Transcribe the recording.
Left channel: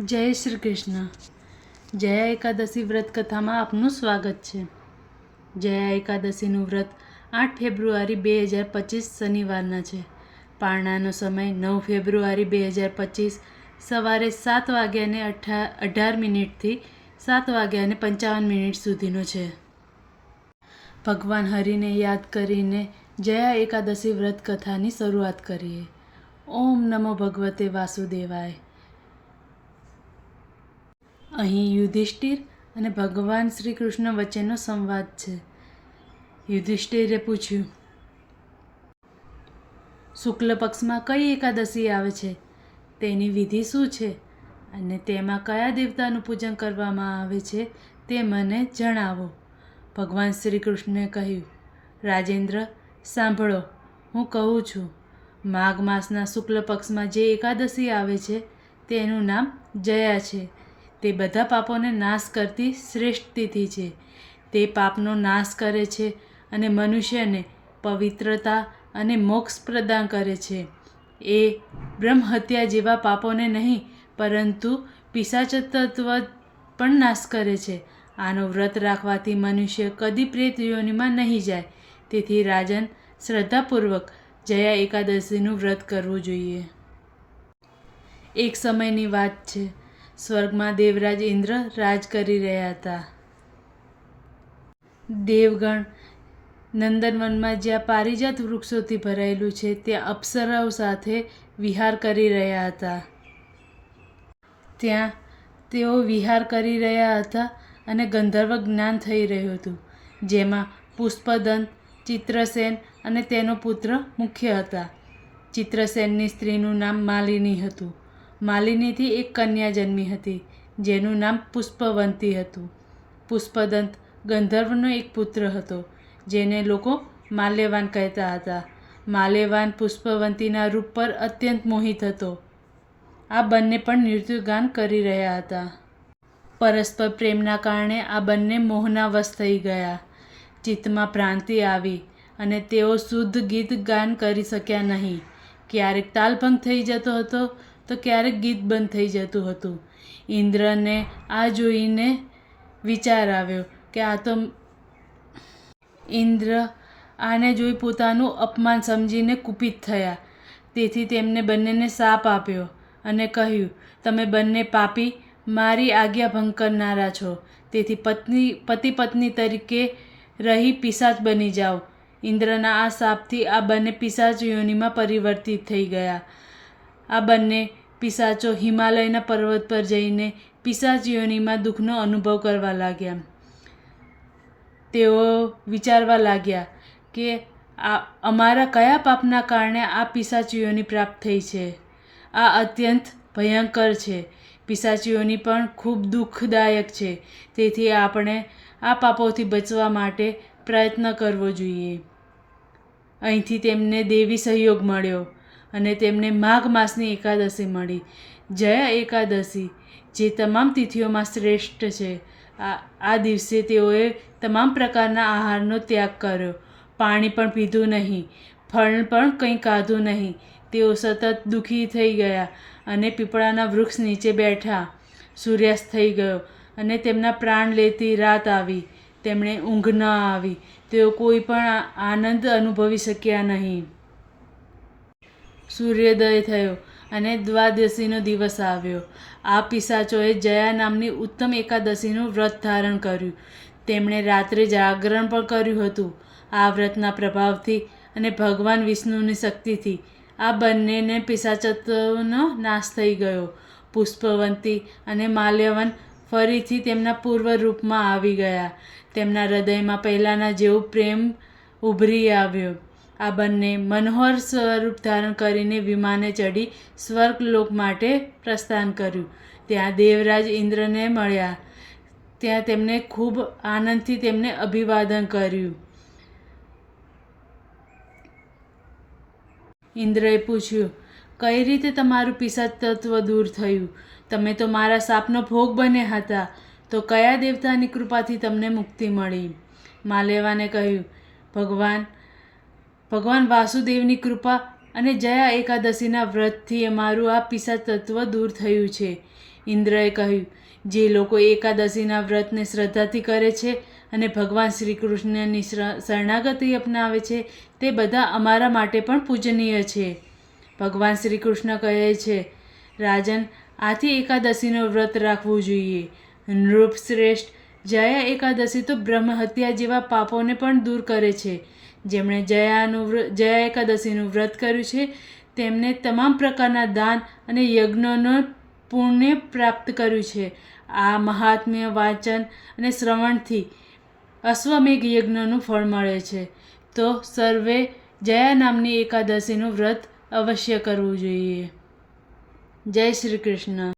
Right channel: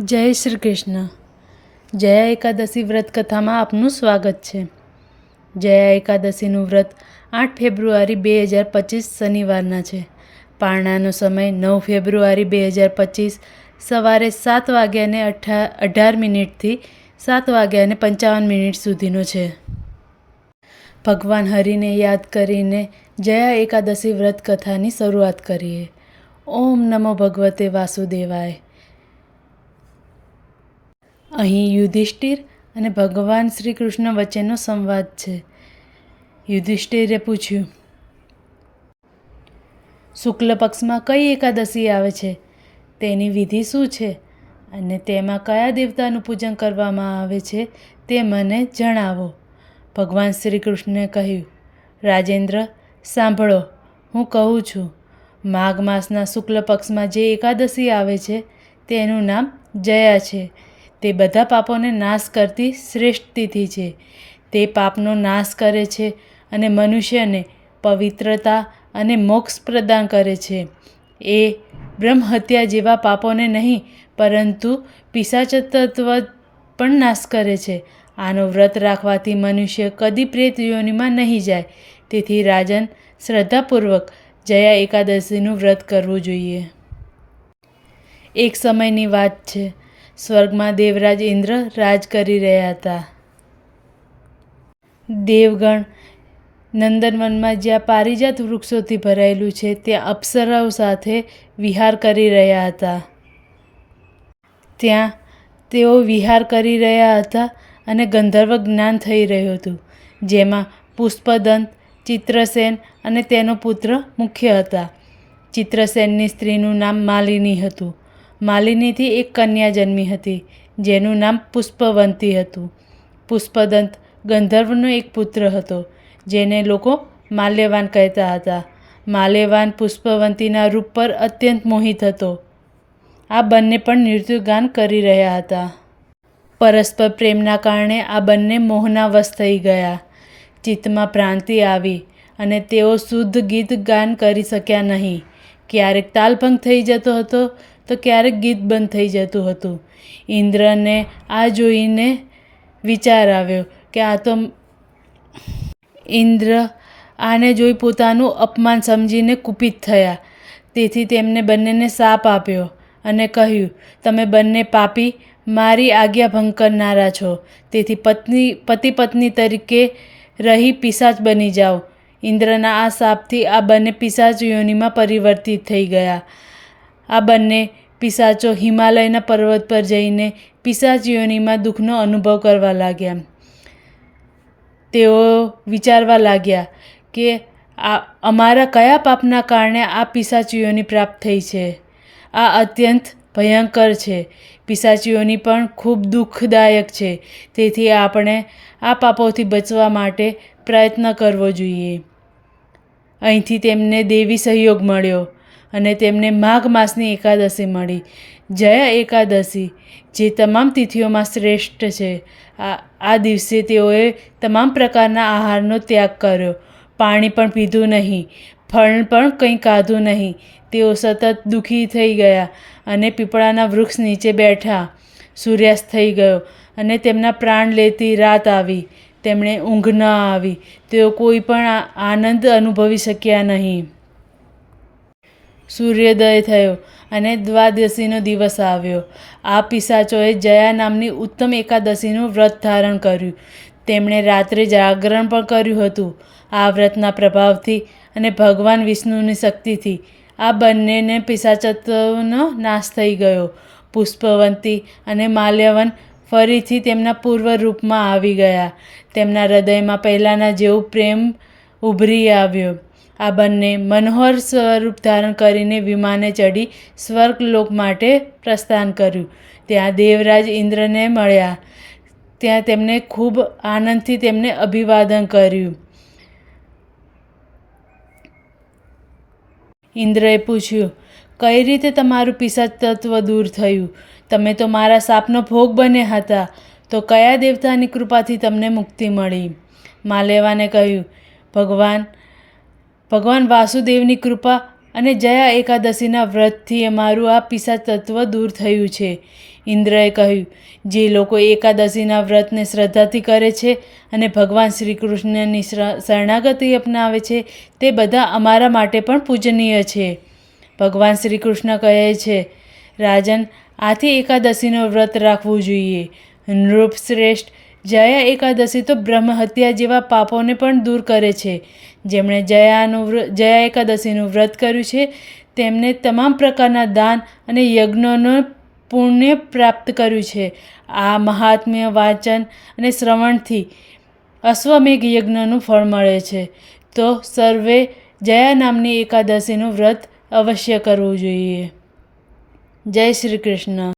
જય શ્રી કૃષ્ણ. જયા એકાદશી વ્રત કથામાં આપનું સ્વાગત છે. જયા એકાદશીનું વ્રત આઠ ફેબ્રુઆરી બે હજાર પચીસ શનિવારના છે. પારણાનો સમય નવ ફેબ્રુઆરી બે હજાર પચીસ સવારે સાત વાગ્યાને અઠા, અઢાર મિનિટથી સાત વાગ્યાને પંચાવન મિનિટ સુધીનો છે. ભગવાન હરિને યાદ કરીને જયા એકાદશી વ્રત કથાની શરૂઆત કરીએ. ઓમ નમો ભગવતે વાસુદેવાય. અહીં યુધિષ્ઠિર અને ભગવાન શ્રી કૃષ્ણ વચ્ચેનો સંવાદ છે. યુધિષ્ઠિરે પૂછ્યું, શુક્લ પક્ષમાં કઈ એકાદશી આવે છે? તેની વિધિ શું છે? અને તેમાં કયા દેવતાનું પૂજન કરવામાં આવે છે તે મને જણાવો. ભગવાન શ્રી કૃષ્ણે કહ્યું, રાજેન્દ્ર, સાંભળો, હું કહું છું, માઘ માસના શુક્લ પક્ષમાં જે એકાદશી આવે છે તેનું નામ જયા છે. તે બધા પાપોને નાશ કરતી શ્રેષ્ઠ તિથિ છે. તે પાપનો નાશ કરે છે અને મનુષ્યને પવિત્રતા અને મોક્ષ પ્રદાન કરે છે. એ બ્રહ્મહત્યા જેવા પાપોને નહીં, પરંતુ પિશાચતત્વ પણ નાશ કરે છે. આનો વ્રત રાખવાથી મનુષ્ય કદી પ્રેત યોનિમાં નહીં જાય. તેથી રાજન શ્રદ્ધાપૂર્વક જયા એકાદશીનું વ્રત કરવું જોઈએ. એક સમયની વાત છે. સ્વર્ગમાં દેવરાજ ઇન્દ્ર રાજ કરી રહ્યા હતા. દેવગણ નંદનવનમાં જ્યાં પારિજાત વૃક્ષોથી ભરાયેલું છે, ત્યાં અપ્સરાઓ સાથે વિહાર કરી રહ્યા હતા. ત્યાં તેઓ વિહાર કરી રહ્યા હતા અને ગંધર્વ જ્ઞાન થઈ રહ્યું હતું, જેમાં પુષ્પદંત ચિત્રસેન અને તેનો પુત્ર મુખ્ય હતા. ચિત્રસેનની સ્ત્રીનું નામ માલિની હતું. માલિનીથી એક કન્યા જન્મી હતી, જેનું નામ પુષ્પવંતી હતું. પુષ્પદંત ગંધર્વનો એક પુત્ર હતો, જેને લોકો માલ્યવાન કહેતા હતા. માલ્યવાન પુષ્પવંતીના રૂપ પર અત્યંત મોહિત હતો. આ બંને પણ નૃત્યગાન કરી રહ્યા હતા. પરસ્પર પ્રેમના કારણે આ બંને મોહના વશ થઈ ગયા. ચિત્તમાં ભ્રાંતિ આવી અને તેઓ શુદ્ધ ગીત ગાન કરી શક્યા નહીં. ક્યારેક તાલભંગ થઈ જતો હતો તો ક્યારેક ગીત બંધ થઈ જતું હતું. ઇન્દ્રને આ જોઈને વિચાર આવ્યો કે આ તો ઇન્દ્ર આને જોઈ પોતાનું અપમાન સમજીને કુપિત થયા. તેથી તેમને બંનેને શાપ આપ્યો અને કહ્યું, તમે બંને પાપી, મારી આજ્ઞા ભંગ કરનારા છો. તેથી પત્ની, પતિ પત્ની તરીકે રહી પિશાચ બની જાઓ. ઇન્દ્રના આ શાપથી આ બંને પિશાચ યોનિમાં પરિવર્તિત થઈ ગયા. આ બંને પિશાચો હિમાલયના પર્વત પર જઈને પિશાચ દુઃખનો અનુભવ કરવા લાગ્યા. તેઓ વિચારવા લાગ્યા કે આ અમારા કયા પાપના કારણે આ પિશાચીઓની પ્રાપ્ત થઈ છે? આ અત્યંત ભયંકર છે. પિશાચીઓની પણ ખૂબ દુઃખદાયક છે. તેથી આપણે આ પાપોથી બચવા માટે પ્રયત્ન કરવો જોઈએ. અહીંથી તેમને દેવી સહયોગ મળ્યો. અને તેમને માઘ માસની એકાદશી મળી. જયા એકાદશી, જે તમામ તિથિઓમાં શ્રેષ્ઠ છે. આ આ દિવસે તેઓએ તમામ પ્રકારના આહારનો ત્યાગ કર્યો. પાણી પણ પીધું નહીં, ફળ પણ કંઈ ખાધું નહીં. તેઓ સતત દુઃખી થઈ ગયા અને પીપળાના વૃક્ષ નીચે બેઠા. સૂર્યાસ્ત થઈ ગયો અને તેમના પ્રાણ લેતી રાત આવી. તેમણે ઊંઘ ન આવી. તેઓ કોઈ પણ આનંદ અનુભવી શક્યા નહીં. સૂર્યોદય થયો અને દ્વાદશીનો દિવસ આવ્યો. આ પિશાચોએ જયા નામની ઉત્તમ એકાદશીનું વ્રત ધારણ કર્યું. તેમણે રાત્રે જાગરણ પણ કર્યું હતું. આ વ્રતના પ્રભાવથી અને ભગવાન વિષ્ણુની શક્તિથી આ બંનેને પિશાચત્વનો નાશ થઈ ગયો. પુષ્પવંતી અને માલ્યવન ફરીથી તેમના પૂર્વ રૂપમાં આવી ગયા. તેમના હૃદયમાં પહેલાંના જેવું પ્રેમ ઉભરી આવ્યો. આ બંને મનોહર સ્વરૂપ ધારણ કરીને વિમાને ચડી સ્વર્ગલોક માટે પ્રસ્થાન કર્યું. ત્યાં દેવરાજ ઇન્દ્રને મળ્યા. ત્યાં તેમને ખૂબ આનંદથી તેમને અભિવાદન કર્યું. ઇન્દ્રએ પૂછ્યું, કઈ રીતે તમારું પિશાચ તત્વ દૂર થયું? તમે તો મારા સાપનો ભોગ બન્યા હતા. તો કયા દેવતાની કૃપાથી તમને મુક્તિ મળી? માલેવાને કહ્યું, ભગવાન ભગવાન વાસુદેવની કૃપા અને જયા એકાદશીના વ્રતથી અમારું આ પિસા તત્વ દૂર થયું છે. ઇન્દ્રએ કહ્યું, જે લોકો એકાદશીના વ્રતને શ્રદ્ધાથી કરે છે અને ભગવાન શ્રી કૃષ્ણની શરણાગતિ અપનાવે છે, તે બધા અમારા માટે પણ પૂજનીય છે. ભગવાન શ્રી કૃષ્ણ કહે છે, રાજન, આથી એકાદશીનો વ્રત રાખવું જોઈએ. નૃપશ્રેષ્ઠ જયા એકાદશી તો બ્રહ્મ હત્યા જેવા પાપોને પણ દૂર કરે છે. જેમણે જયાનું જયા એકાદશીનું વ્રત કર્યું છે, તેમને તમામ પ્રકારના દાન અને યજ્ઞોનો પુણ્ય પ્રાપ્ત કર્યું છે. આ મહાત્મ્ય વાંચન અને શ્રવણથી અશ્વમેઘ યજ્ઞનું ફળ મળે છે. તો સર્વે જયા નામની એકાદશીનું વ્રત અવશ્ય કરવું જોઈએ. જય શ્રી કૃષ્ણ.